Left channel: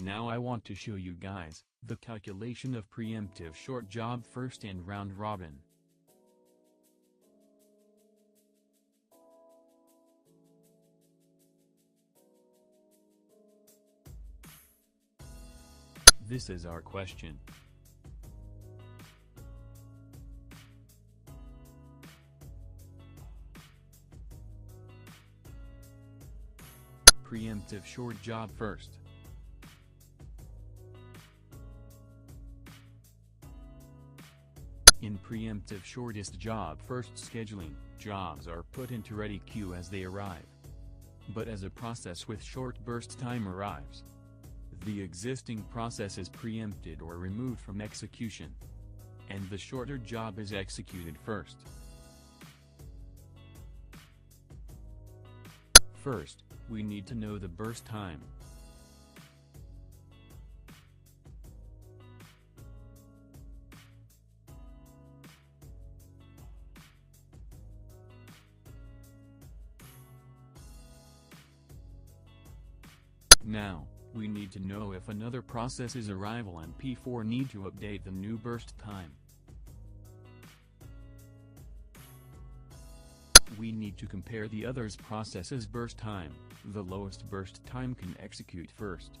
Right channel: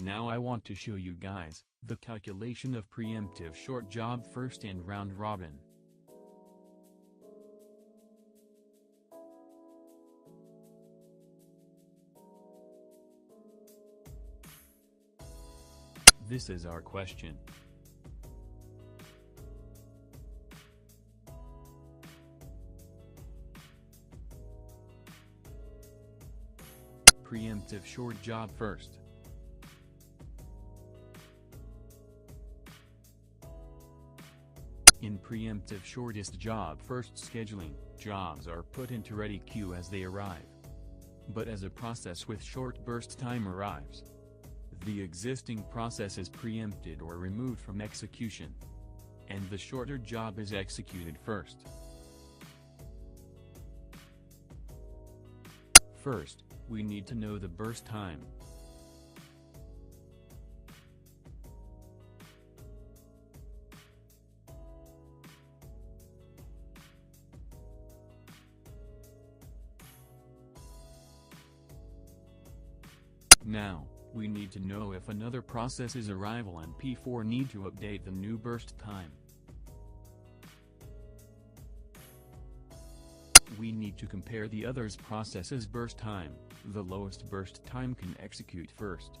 Now I want to show you guys the calculation of preemptive short job first and round robin. This is our question. Preemptive short job first. In preemptive shortest job first scheduling, jobs are put into ready queue as they arrive. But as a process with short burst time arrives, the existing process is preempted or removed from execution, and the shorter job is executed first. First, we need to know the burst time. Now, we need to know if another process's arrival and P4 need to update the new burst time. We need to compare the other's process's burst time. The lowest burst time can execute first.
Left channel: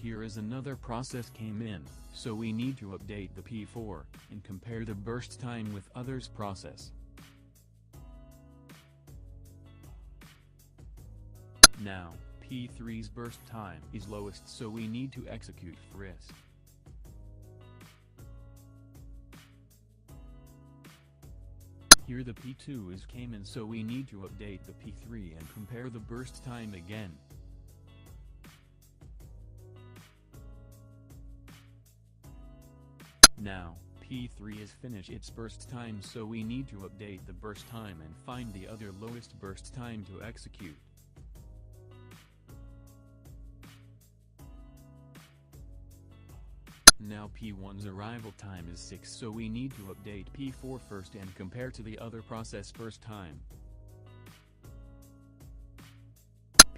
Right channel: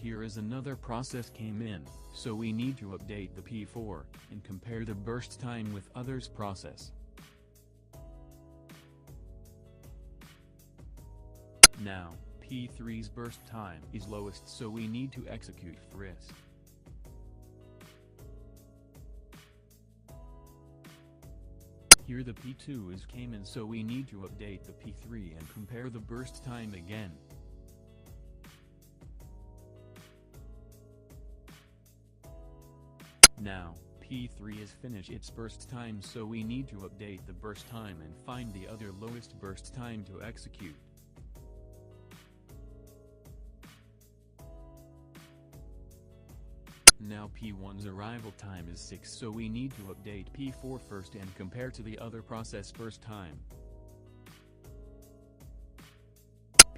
Here is another process came in, so we need to update the P4, and compare the burst time with others process. Now, P3's burst time is lowest, so we need to execute first. Here the P2 is came in, so we need to update the P3 and compare the burst time again. Now, P3 is finished its burst time, so we need to update the burst time and find the other lowest burst time to execute. Now P1's arrival time is 6, so we need to update P4 first and compare to the other process burst time.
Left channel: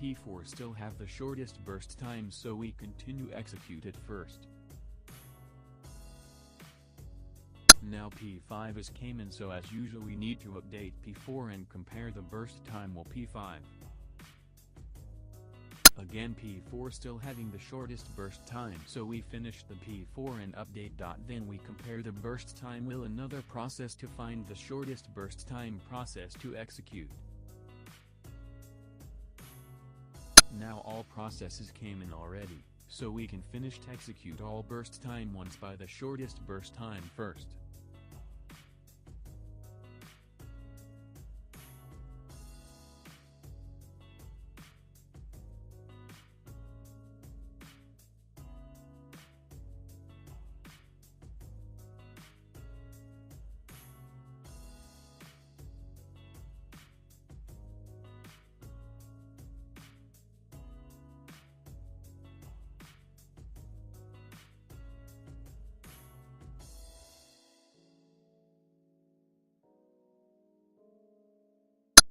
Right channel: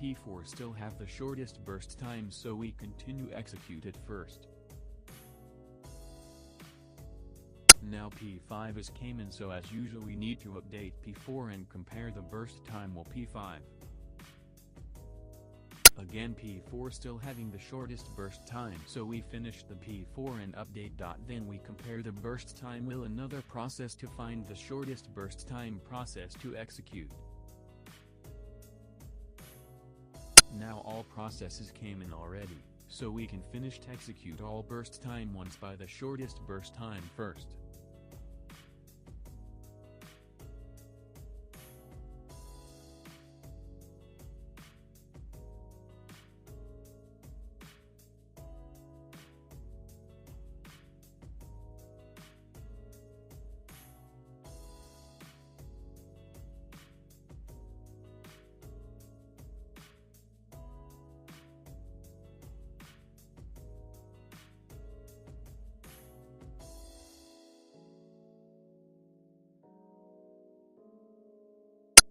P4 still have the shortest burst time, so we continue execute it first. Now P5 is came in, so as usual we need to update P4 and compare the burst time with P5. Again P4 still having the shortest burst time, so we finish the P4 and update. Then we compare the burst time with another process to find the shortest burst time process to execute. Now all processes came in already, so we can finish to execute all burst time once by the shortest burst time first.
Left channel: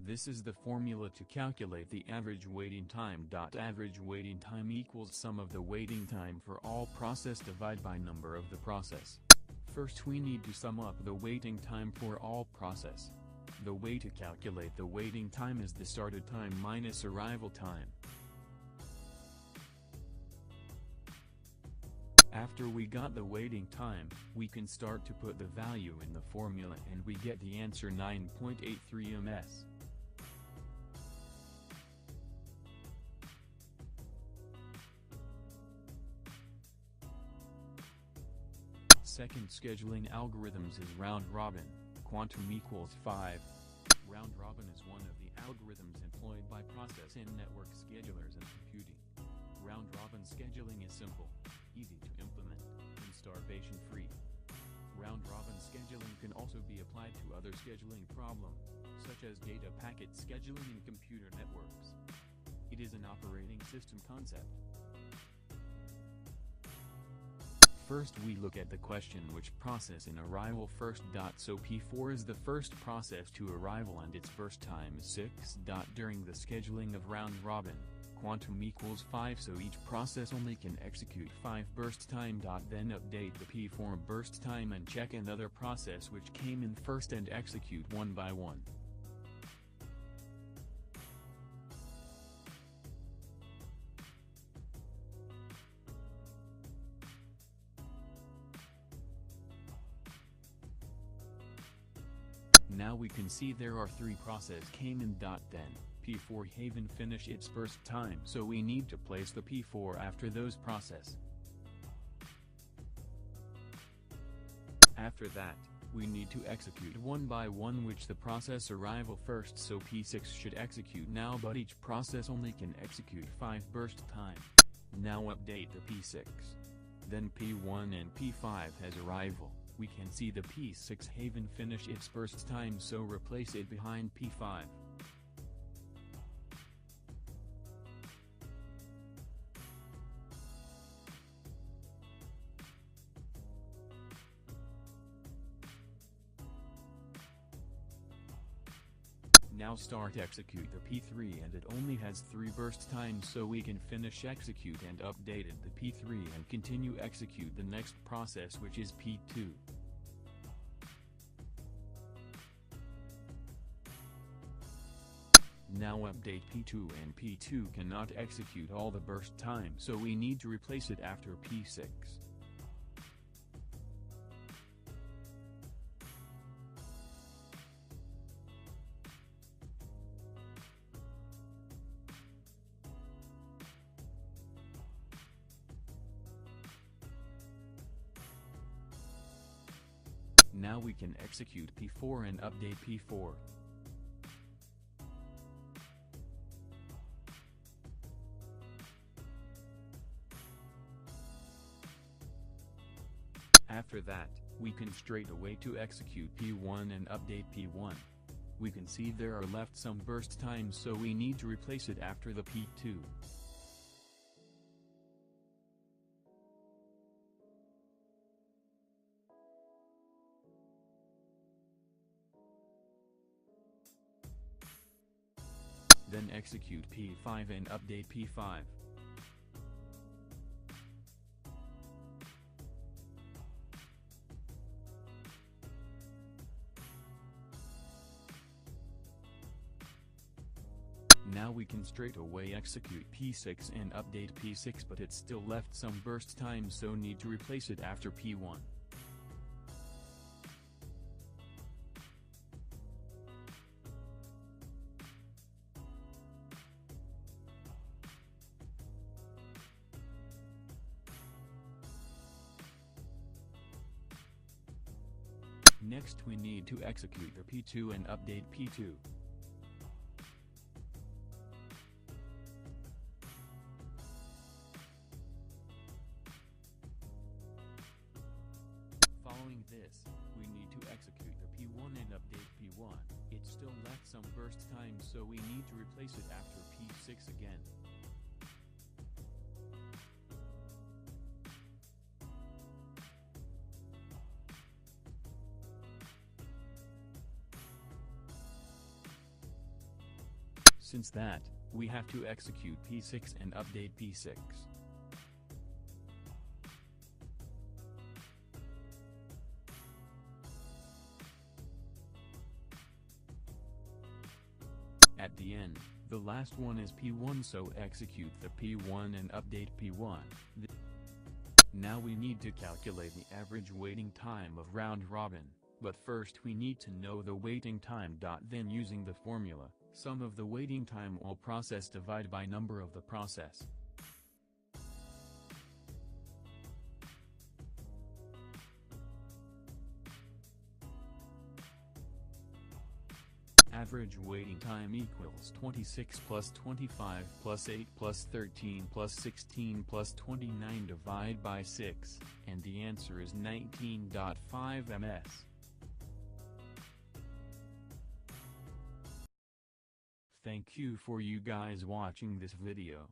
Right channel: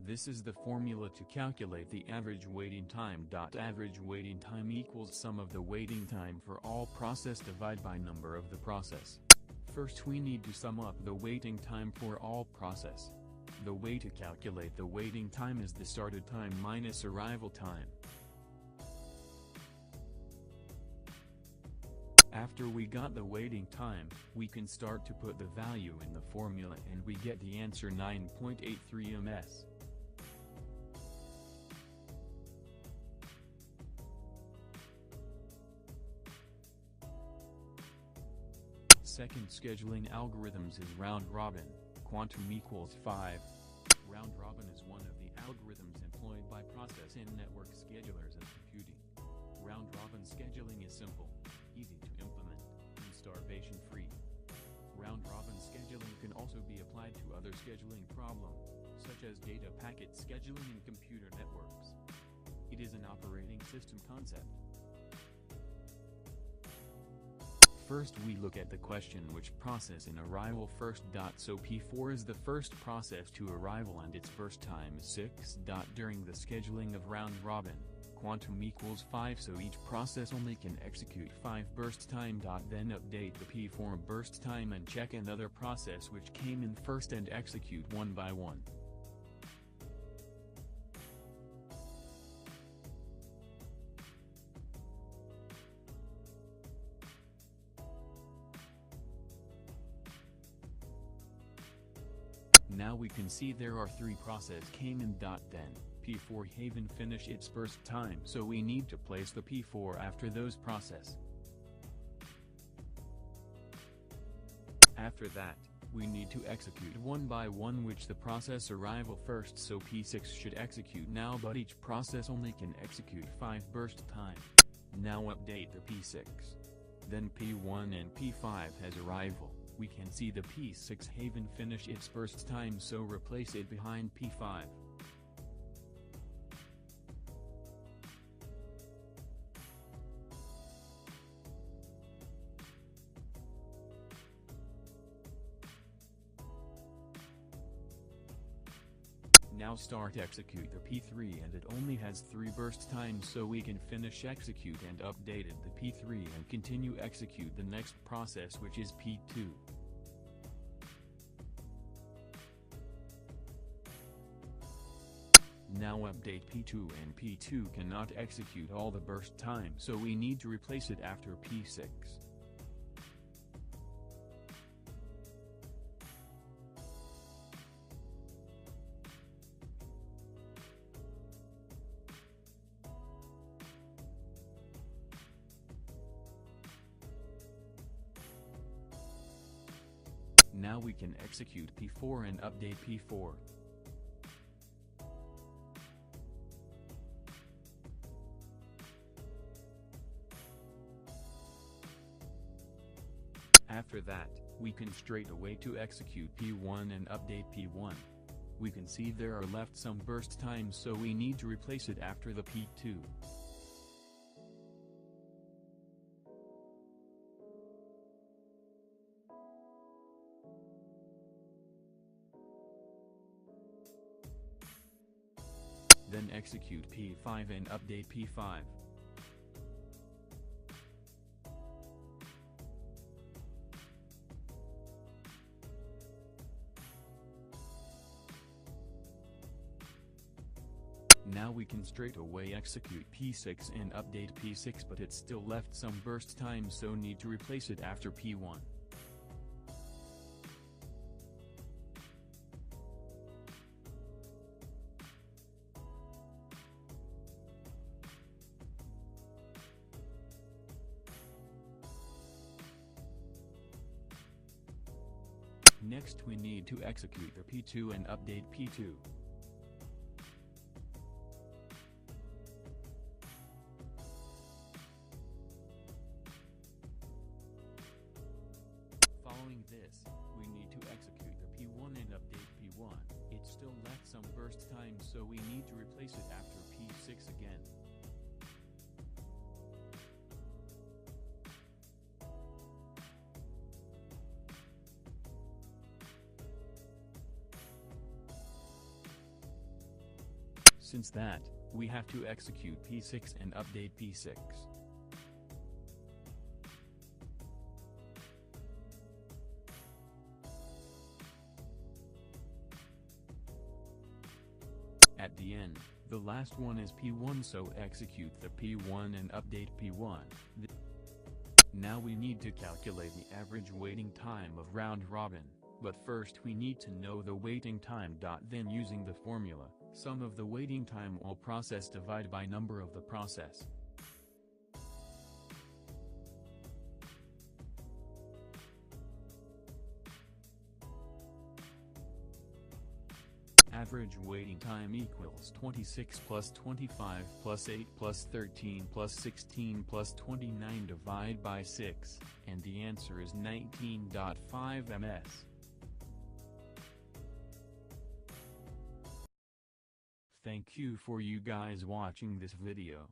This is the formula to calculate the average waiting time. Average waiting time equals sum of the waiting time for all process divided by number of the process. First we need to sum up the waiting time for all process. The way to calculate the waiting time is the started time minus arrival time. After we got the waiting time, we can start to put the value in the formula and we get the answer 9.83 ms. Second scheduling algorithms is round robin, quantum equals 5. Round robin is one of the algorithms employed by process and network schedulers in computing. Round robin scheduling is simple, easy to implement, and starvation-free. Round robin scheduling can also be applied to other scheduling problems, such as data packet scheduling in computer networks. It is an operating system concept. First we look at the question which process in arrival first. So P4 is the first process to arrival and its burst time is 6. During the scheduling of round robin, quantum equals 5, so each process only can execute 5 burst time. Then update the P4 burst time and check another process which came in first and execute one by one. Now we can see there are 3 process came in. Then P4 haven't finished its burst time, so we need to place the P4 after those process. After that, we need to execute one by one which the process arrival first, so P6 should execute now, but each process only can execute 5 burst time. Now update the P6. Then P1 and P5 has arrival. We can see the P6 haven't finished its burst time, so replace it behind P5. Now start execute the P3, and it only has 3 burst times, so we can finish execute and updated the P3 and continue execute the next process, which is P2. Now update P2, and P2 cannot execute all the burst time, so we need to replace it after P6. Now we can execute P4 and update P4. After that, we can straight away to execute P1 and update P1. We can see there are left some burst times, so we need to replace it after the P2. Then execute P5 and update P5. Now we can straight away execute P6 and update P6, but it's still left some burst time, so need to replace it after P1. Next we need to execute the P2 and update P2. Following this, we need to execute the P1 and update P1. It's still left some burst time, so we need to replace it after P6 again. Since that, we have to execute P6 and update P6. At the end, the last one is P1, so execute the P1 and update P1. Now we need to calculate the average waiting time of round robin, but first we need to know the waiting time. Then using the formula, sum of the waiting time all process divided by number of the process. Average waiting time equals 26 plus 25 plus 8 plus 13 plus 16 plus 29 divided by 6, and the answer is 19.5 ms. Thank you for you guys watching this video.